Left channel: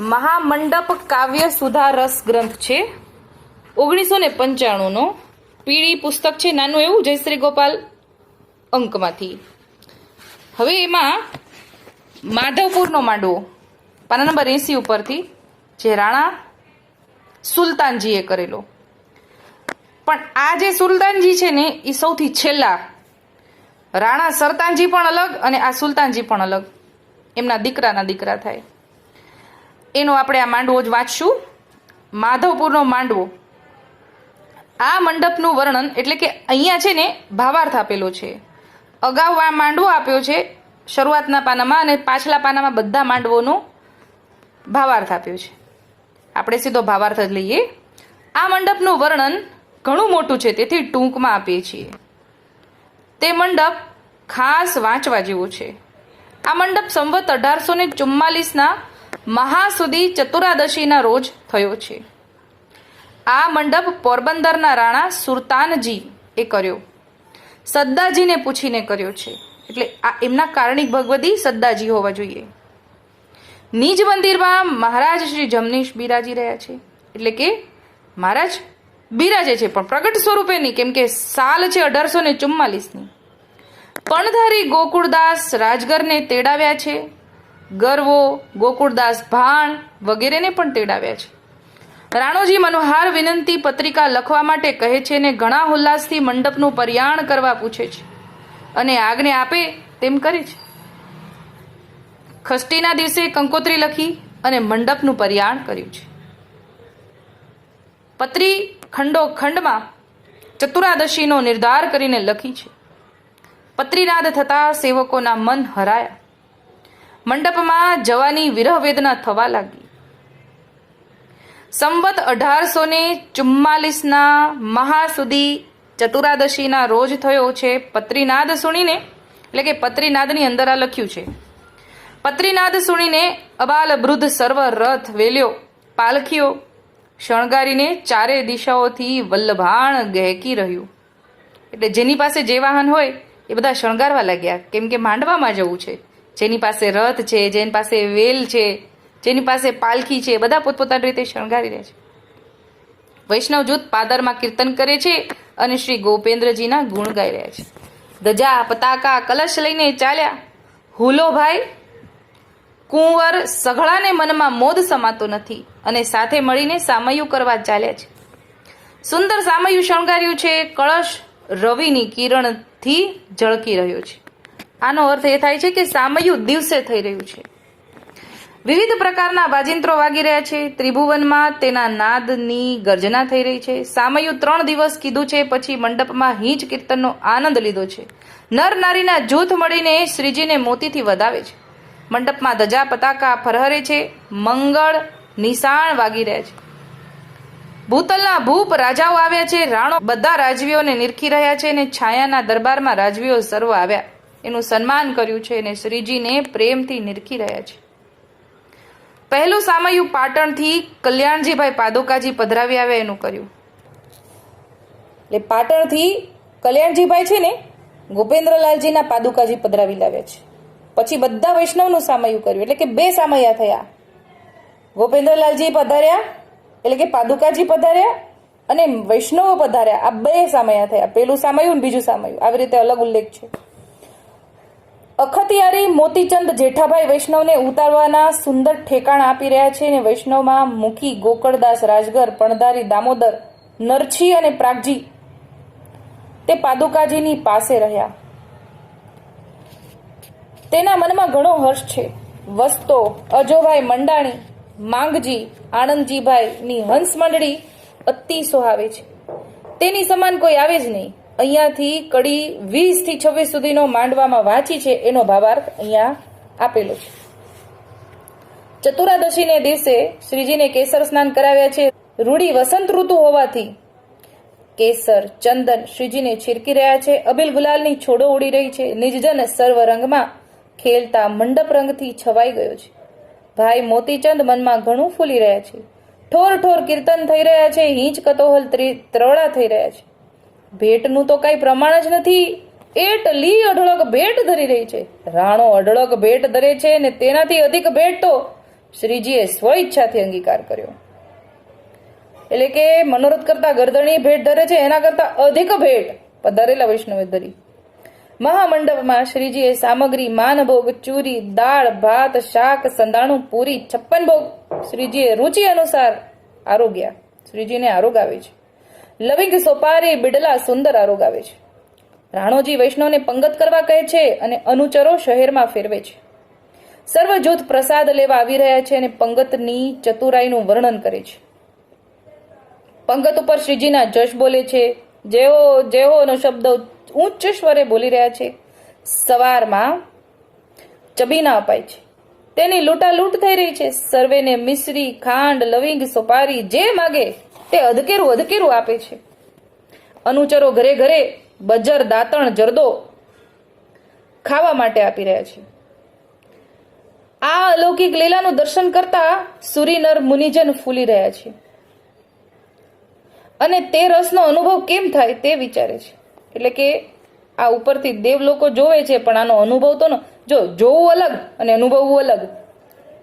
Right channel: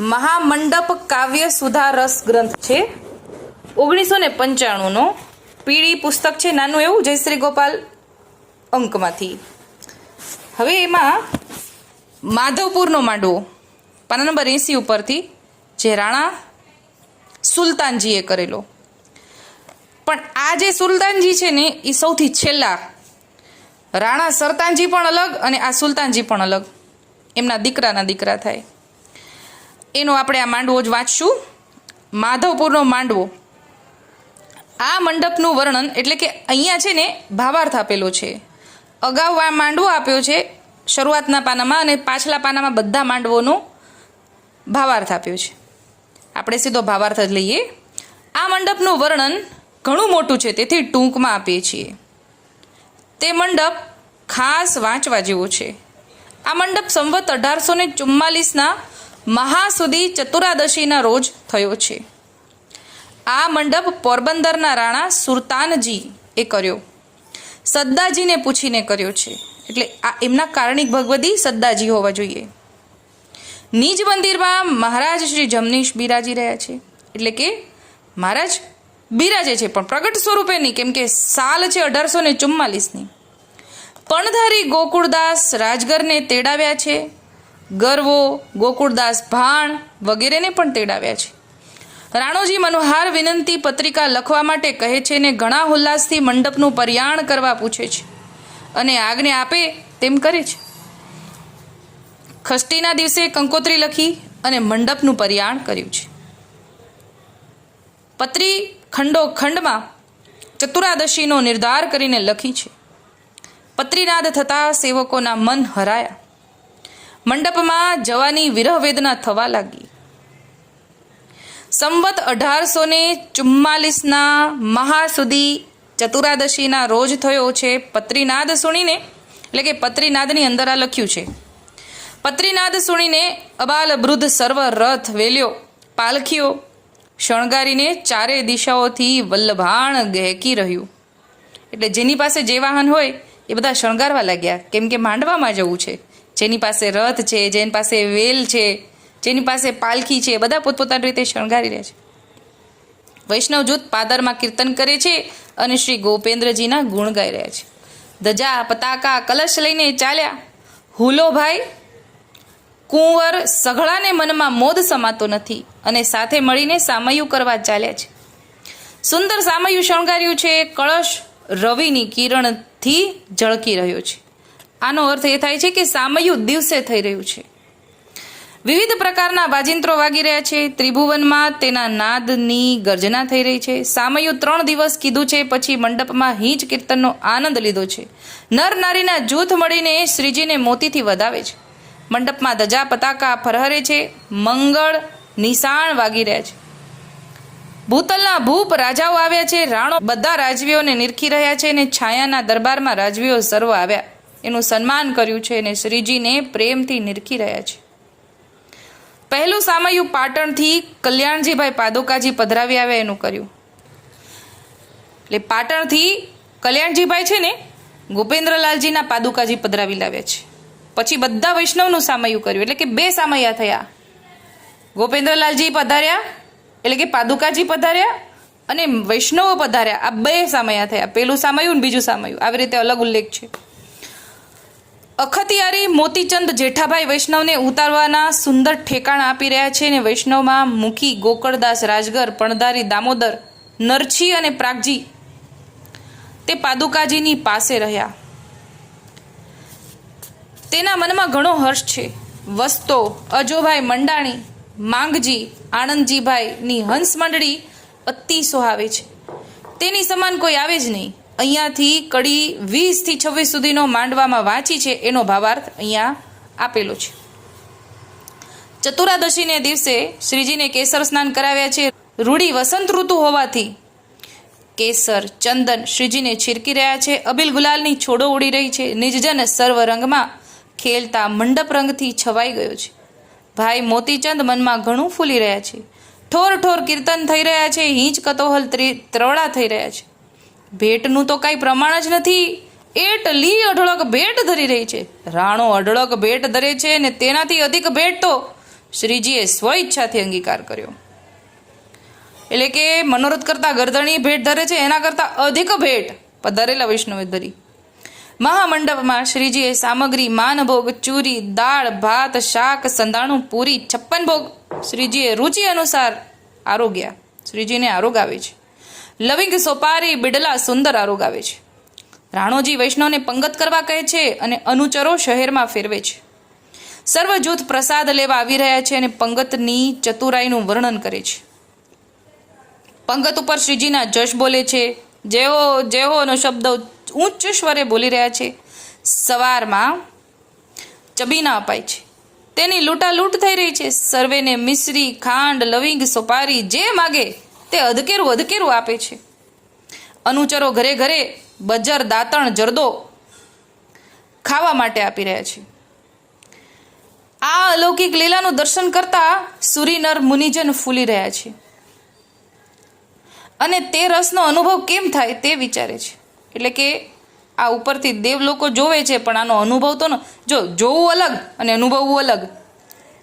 મહામંડપ કાવ્ય સુધા રસ ગ્રંથ છે 1995નો પીળી પુસ્તક છે, નાનું એવું જયશ્રી ગોપાલ અંકમાંથી. હવે એમાં માધવપુરનો માંડવો પાના નંબર 80 ઉપરથી જે રાણા સુલતાનજીએ કરેલો. પણ આ જે સુલતાનજી છે ને એ સૌથી છેલ્લા, રાણા સરતાનજી પણ અલગ અને આ સુલતાનજી પણ અલગ, એમના દીકરાના દીકરા થાય. એનો આપણે આ માંડવો જ વાંચશું. માધવપુરનો માંડવો. આ મંડપનું વર્ણન એટલે કે અહીંયા છે ને ભાવાર્થ આપેલો છે. અગાઉ આ માંડવો આપ્યો છે શરૂઆતના પાનામાં અને પાછલા પાનામાં બધા માંડવોનો ભાવાર્થ આપ્યો છે. આપણે સીધો ભાવાર્થ જ લઈએ. આ મંડપનું વર્ણન ઘણું મોટું છે, તેથી ટૂંકમાં આપીએ છીએ. તે મંડપ ખાસ વાંચવા જેવો છે. આ મંડપ સંવત 1844ના મહાસુદી ચતુરાદશીના રોજ થયો છે. આ મંડપ પોરબંદરના રાણા સુરતાનજી એ કર્યો, સદ્દાજીને પૂછીને કર્યો છે. એટલે આ એમના કારણિક ભગવદી સદ્દાજી હોવા જોઈએ. નિજ મંદિરમાં મહારાજ શ્રી જમનીશ બિરાજી રહ્યા છે. એટલે કે મહારાજ બિરાજે છે પણ પ્રગટ સ્વરૂપે નહીં, કેમ કે સાલ છે 1844ની. પણધારી ગોકુળદાસ રાજગરને તેડાવ્યા છે. ગરવો, ગોકુળદાસ ભાણ વગેરેને પણ તેડાવ્યા છે. રાણોજી મનોહાર વિનંતી પત્રિકા લખવા માટે કહે છે ને ઘણા ઉલ્લાસથી મંડપનું પર્યાણ કરવા પૂછે છે અને આજ્ઞા આપે તેમ કરે છે. ખષ્ટીના દિવસે કંકોત્રી લખી અને મંડપનું પર્યાણ કર્યું છે. પત્રી ખંડોખંડમાં ચતુરાદશીનો નિર્ધાર કરીને લખી છે. પત્રીનાદ થતા સેવકોના મન હરાયા. મંડપમાં જવાની વિરહ વેદના થવા લાગી. સંવત 1844ના મહાસુદી ચતુરાદશીના રોજ થયો છે. પત્રીનાદ સુણીને, એટલે કે પત્રીનાદની અંદર આ લખ્યું છે. પત્રીનાદ સુણીને અબાલ વૃદ્ધ સર્વ રથ વેલ્યો, પાલખીઓ શણગારીને ચારે દિશાઓથી વલ્લભાણ ગહેકી રહ્યું. એટલે જેની પાસે જે વાહન હોય એ બધા શણગારવા લાગ્યા, કેમ કે માંડવામાં જવું છે. જેની પાસે રથ છે, જેની પાસે વેલ છે, જેની પાસે પાલખી છે, બધા પોતપોતાની રીતે શણગારી રહ્યા છે. વૈષ્ણવ જૂથ પાદરમાં કીર્તન કરે છે અને શ્રી ગોપેન્દ્રજીના ગુણ ગાઈ રહ્યા છે. ધજા પતાકા કલશ લઈને ચાલ્યા. હુલોભાઈ કુંવર સઘળાને મનમાં મોદ સમાતો નથી અને સાથે મળીને સામયું કરવા ચાલ્યા છે. સુંદર સામયું શણગાર્યું છે. કળશ રવિની કિરણથી ઝળકી રહ્યો છે. આનો અર્થ એ થાય છે કે સામયું દિવસે થઈ રહ્યું છે. વિવિધ પ્રકારના વાજિંત્રો વાગી રહ્યા છે. ત્રિભુવનમાં તેના નાદની ગર્જના થઈ રહી છે. સામયું 3 દિવસ કીધું છે, પછી મંડપમાં હિંચ કીર્તનનો આનંદ લીધો છે. નર નારીના જૂથ મળીને શ્રીજીને મોતીથી વધાવે છે. મંડપમાં ધજા પતાકા ફરહરે છે. મંગળ નિશાણ વાગી રહ્યા છે. ભૂતલના ભૂપ રાજાઓ આવ્યા છે. રાણો બધા રાજવીઓને નિરખી રહ્યા છે અને છાયાના દરબારમાં રાજવીઓ સર્વ આવ્યા, એનું સન્માન કર્યું છે અને શ્રીજીને પ્રેમથી નિરખી રહ્યા છે. પહેલું સામયું પાટણથી કલ્યાણજીભાઈ પાદુકાજી પધરાવી આવ્યા એનું કર્યું. એટલે પાટણથી કલ્યાણજીભાઈ છે ને ગોપેન્દ્રલાલજીના પાદુકાજી પધરાવી લાવ્યા છે. પછી બધા વૈષ્ણવનું સામયું કર્યું, એટલે કે 2 સામયા થયા. ગોપેન્દ્રલાલજી પધાર્યા એટલે કે પાદુકાજી પધાર્યા અને વૈષ્ણવો પધાર્યા. આ 2 સામયા થયા. પેલું સામયું ને બીજું સામયું, આવી રીતે અલગ ઉલ્લેખ છે. અખતિયારી મોતીચંદ જેઠાભાઈ વૈષ્ણવને ઉતારવાના સુંદર ઠેકાણા આપી રહ્યા છે અને વૈષ્ણવમાં મુખી ગોકળદાસ રાજગર, પણધારી દામોદર, નરછી અને પ્રાગજી તે પાદુકાજીની પાસે રહ્યા. તેના મનમાં ઘણો હર્ષ છે. વસ્તો અજોભાઈ મંડાણી, માંગજી, આનંદજીભાઈની હંસ મંડળી અતિ સોહાવે છે. તેની સમાન કોઈ આવે જ નહીં. અહીંયાથી કડી 20 થી 26 સુધીનો માંડવામાં વાંચી છે, એનો ભાવાર્થ અહીંયા આપેલો છે. ચતુરાદશીને દિવસે શ્રીજીને કેસર સ્નાન કરાવ્યા છે. રૂડી વસંત ઋતુ હોવાથી કેસર ચંદન શ્રીજીને છીરકી રહ્યા છે. અબીલ ગુલાલની છોડો ઉડી રહી છે. નિજજન સર્વ રંગમાં ખેલતા મંડપ રંગથી છવાઈ ગયો છે. ભાઈ મોતીચંદ મનમાં ઘણું ફૂલી રહ્યા છે. ઠોર ઠોર કીર્તન થઈ રહ્યા છે. હિંચ કતોહલ ત્રવડા થઈ રહ્યા છે. ભેટનું તો કાંઈ પ્રમાણ જ નથી. એટલી અઢળક ભેટ ધરી રહી છે. રાણો અઢળક ભેટ ધરે છે ને તેનાથી અધિક ભેટ તો શ્રીજીએ સ્વ ઈચ્છાથી અંગીકાર કર્યો. એટલે કે મનોરથ કરતા ગરદણી ભેટ ધરે છે એના કરતા અધિક ભેટ પધારેલા વૈષ્ણવે ધરી. મહામંડપમાં શ્રીજીએ સામગ્રી માનભોગ, ચૂરી, દાળ, ભાત, શાક, સંધાણું, પૂરી, 56 ભોગ શ્રીજીએ રુચિ અનુસાર આરોગ્યા. શ્રીજીને આરોગ આવે છે. લવિંગ, સોપારી, બિડલા સુંદર આરોગ આવે છે. રાણોજી વૈષ્ણવને પંગત કરવા કહે છે અને અનુચરો શહેરમાં ફેરવે છે. સર્વ જૂથ પ્રસાદ લેવા આવી રહ્યા છે અને પંગતની ચતુરાઈનું વર્ણન કરે છે. પંગત ઉપર શ્રીજીના જશ બોલે છે. જેઓ જેઓનો શબ્દ ઉચ્ચ સ્વરે બોલી રહ્યા છે. સવારમાં ચબીના અપાય છે. તેની લૂંટાલૂંટ થઈ રહી છે. સર્વેને મિશ્રી, ખાંડ, લવિંગ, સોપારી જે માગે તે અધકેરું આપે છે. અનુચરો ઘરે ઘરે બજર, દાંતણ, જરદો ખાવા માટે આપી રહ્યા છે. આ અલૌકિક લીલાનું દર્શન કરતા સુરીનર મુનિજન ફૂલી રહ્યા છે અને તે રસનો અનુભવ કેમ થાય તે વિચારે છે. એટલે કે આ ઉપરથી દેવ લોકો જોવે છે પણ આનો અનુભવ તો જો જોવું અલગ અને અનુભવવું અલગ.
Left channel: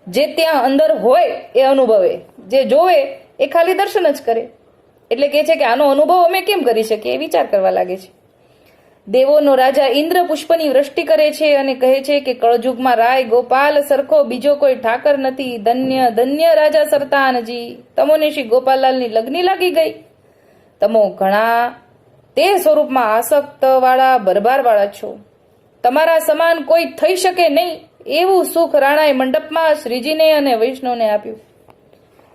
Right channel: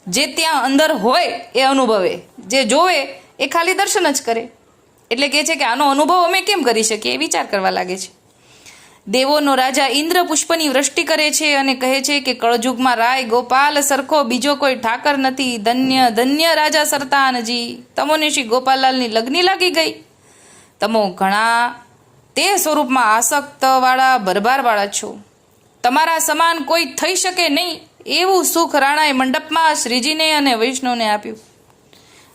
જે ત્યાં અંદર હોય એ અનુભવે, જે જોવે એ ખાલી દર્શન જ કરે. એટલે કહે છે કે આનો અનુભવ અમે કેમ કરી શકીએ એ વિચાર કરવા લાગે છે. દેવોનો રાજા ઇન્દ્ર પુષ્પની વૃષ્ટિ કરે છે અને કહે છે કે કળજુગમાં રાય ગોપાલ સરખો બીજો કોઈ ઠાકર નથી. ધન્ય ધન્ય રાજા સરતાનજી, તમોને શ્રી ગોપાલલાલની લગ્ની લાગી ગઈ. તમો ઘણા તે સ્વરૂપમાં આસક્તવાળા ભરભારવાળા છો. તમારા સમાન કોઈ થઈ શકે નહીં એવું સુખ રાણાએ મંડપમાં શ્રીજીને અને વૈષ્ણવને આપ્યું,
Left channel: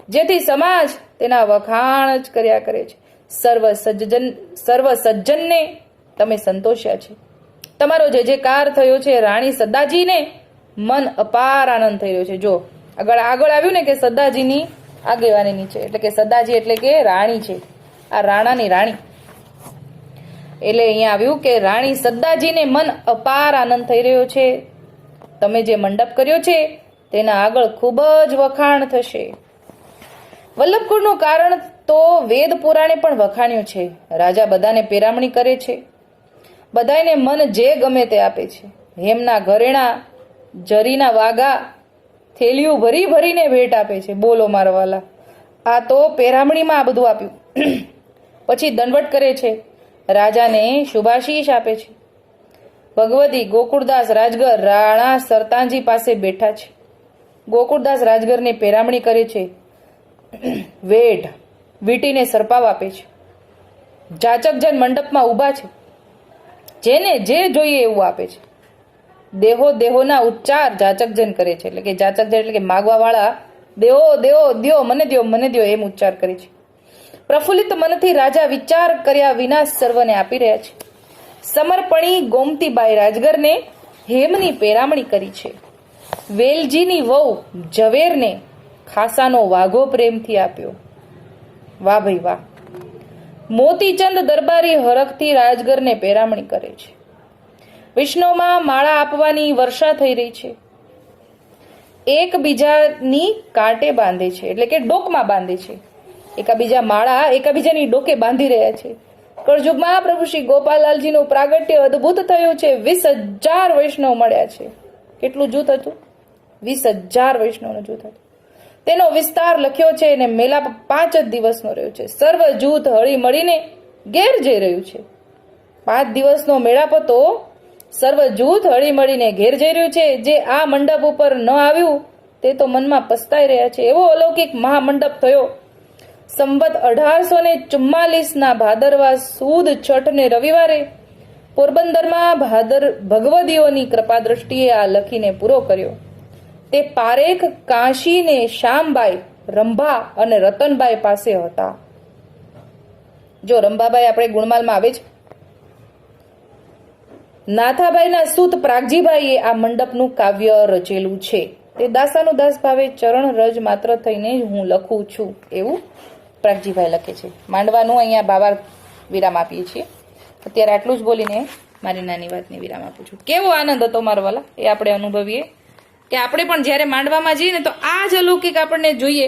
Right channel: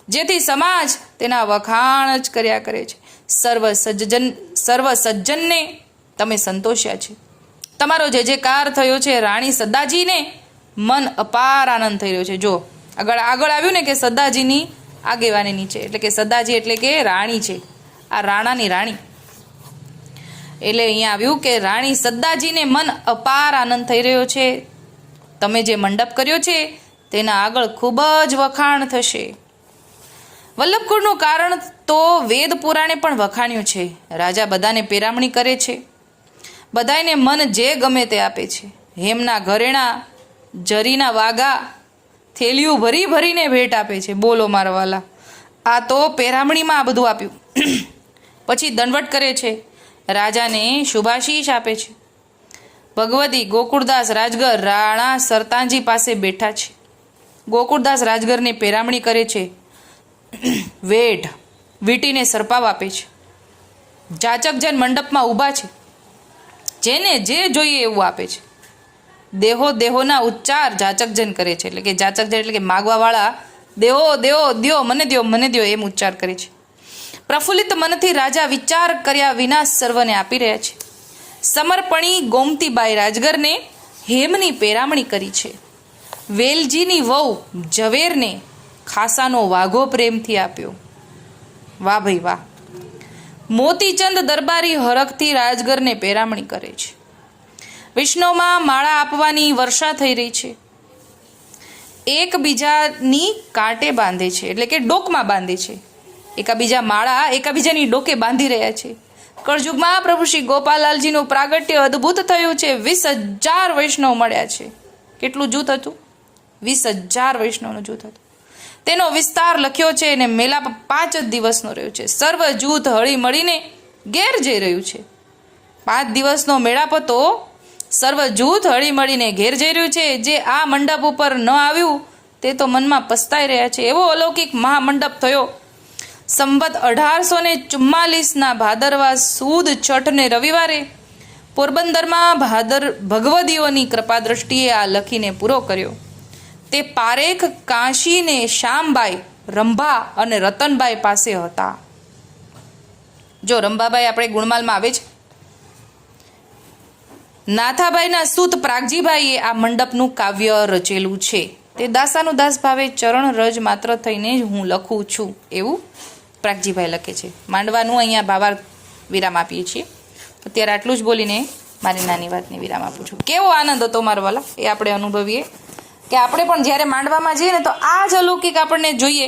જેથી સમાજ તેના વખાણ જ કર્યા કરે છે. સર્વ સજ્જનને તમે સંતોષ્યા છે. તમારો જે કાર થયો છે. રાણી સદાજીને મન અપાર આનંદ થઈ રહ્યો છે. જો આગળ આવ્યું ને કે સદાજીની આગેવાની નીચે, એટલે કે સદાજી એટલે કે રાણી છે, આ રાણાની રાણી. એટલે અહીંયા આવ્યું કે રાણી સદાજીને મન અપાર આનંદ થઈ રહ્યો છે. તમે જે મંડપ કર્યો છે તેના આગળ ખૂબ જ વખાણ થશે. વલ્લભકુળનું કારણ તો વેદ પુરાણે પણ વખાણ્યું છે. રાજા બધાને પેરામણી કરે છે, બધાને મન જે ગમે તે આપે છે. હેમના ઘરેણા, જરીના વાગા, થેલીઓ ભરી ભરીને ભેટ આપે છે. બોલો મારા વાલા, આ તો પેરામણીમાં આ બધું આપ્યું. પછી દંડવટ કરે છે, રાજાને શુભાશીષ આપે છે. ભગવતી ગોકુળદાસ રાજગર રાણા સરતાનજી પાસે બેઠા છે. ગોકુળદાસ રાજગરને પેરામણી કરે છે. વેઢ વીટીને સરપાવ આપે છે. જાચકજન મંડપમાં ઊભા છે, જેને જે જોઈએ એવું આપે છે. દેહોના ઉચ્ચાર જાચકજન કરે છે. એટલે કે જાચકજન એટલે કે માગવાવાળા દેવો દેવો દ્યો, મને દ્યો એમ ઉચ્ચાર કરે છે. પ્રફુલ્લિત મનથી રાજા વિચાર કર્યા વિના સર્વને આપી રહ્યા છે. સમર્પણી ગોમતીબાઈ રાજગરને હેમની પેરામણી કરી છે. વેલજીની વહુ ઝવેરને ખાસાનો વાઘો પ્રેમથી આપ્યો. વાહ ભાઈ વાહ. મોતીચંદ દરબારી હરખથી રાજગરને પેરામણી કરે છે. વિષ્ણુમાં માળા આપવાની વર્ષા થઈ રહી છે. એકબીજાની કાંટે બાંધે છે, એટલે કે ડોકમાં બાંધે છે. એકાબીજાની ડોકે બાંધી રહ્યા છે. કળજુગમાં પ્રભુ શ્રી ગોપાલલાલજીનું પ્રાગટ્ય અદ્ભુત થયું છે. 20,000 વૈષ્ણવ મળ્યા છે. કેટલું જૂથ હતું? 20,000 વૈષ્ણવનું જૂથ હતું. તેનો વિસ્તાર લખ્યો છે અને મેળાપ 5 જ દિવસનો રહ્યો છે. સર્વ જૂથ હળી મળીને ઘેર જઈ રહ્યું છે. 5 દિવસનો મેળાપ હતો. સર્વ જૂથ હળી મળીને ઘેર જઈ રહ્યું છે. જે આ મંડપ ઉપર ન આવ્યું તે તો મનમાં પસ્તાઈ રહ્યા છે. એવો અલૌકિક મહામંડપ થયો. સંવત 1844ના ભાદરવા સુદ છઠને રવિવારે પોરબંદરમાં ભગવદીઓની કૃપા દ્રષ્ટિએ આ લખીને પૂરો કર્યો. તે પારેખ કાશીને શ્યામબાઈ, રંભા અને રતનબાઈ પાસે હતા. જો રંભાબાઈ આપણે ગુણમાલમાં આવે છે. નાથાબાઈના સૂત પ્રાગજીભાઈએ આ મંડપનું કાવ્ય રચેલું છે. તે દાસાનું દાસ ભાવે ચરણ રજ માત્ર થઈને જ હું લખું છું એવું પ્રાગજીભાઈ લખે છે. માંડવાનું અહીંયા ભાવાર્થ વિરામ આપીએ છીએ. અત્યારે આટલું જ બોલીને મારી નાની વાતને વિરામ આપું છું. કેવો આનંદ હતો મારા વાલા એ આપણે અનુભવીએ કે આપણે પણ જ્યારે માંડવામાં જઈએ ને તો આ જ અલૌકિક આપણને જોઈએ.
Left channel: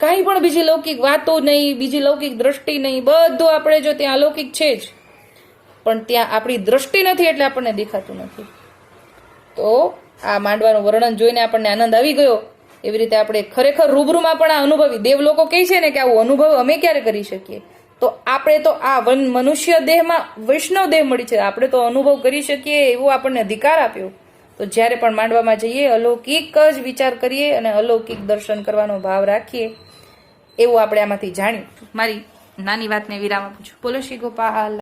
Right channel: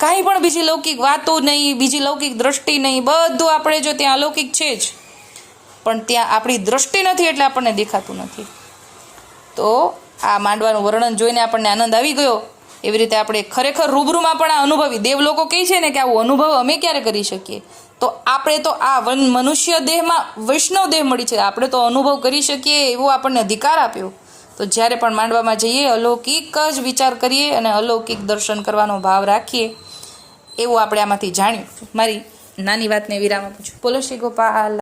કાંઈ પણ બીજી લૌકિક વાતો નહીં, બીજી લૌકિક દ્રષ્ટિ નહીં, બધું આપણે જો ત્યાં અલૌકિક છે જ, પણ ત્યાં આપણી દ્રષ્ટિ નથી એટલે આપણને દેખાતું નથી. તો આ માંડવાનું વર્ણન જોઈને આપણને આનંદ આવી ગયો એવી રીતે આપણે ખરેખર રૂબરૂમાં પણ આ અનુભવી દેવ લોકો કહે છે ને કે આવું અનુભવ અમે ક્યારે કરી શકીએ, તો આપણે તો આ મનુષ્ય દેહમાં વૈષ્ણવ દેહ મળી છે, આપણે તો અનુભવ કરી શકીએ એવો આપણને અધિકાર આપ્યો. તો જ્યારે પણ માંડવામાં જઈએ અલૌકિક જ વિચાર કરીએ અને અલૌકિક દર્શન કરવાનો ભાવ રાખીએ, એવું આપણે આમાંથી જાણ્યું. મારી નાની વાતને વિરામ આપું છું. બોલો શ્રી ગોપાલ.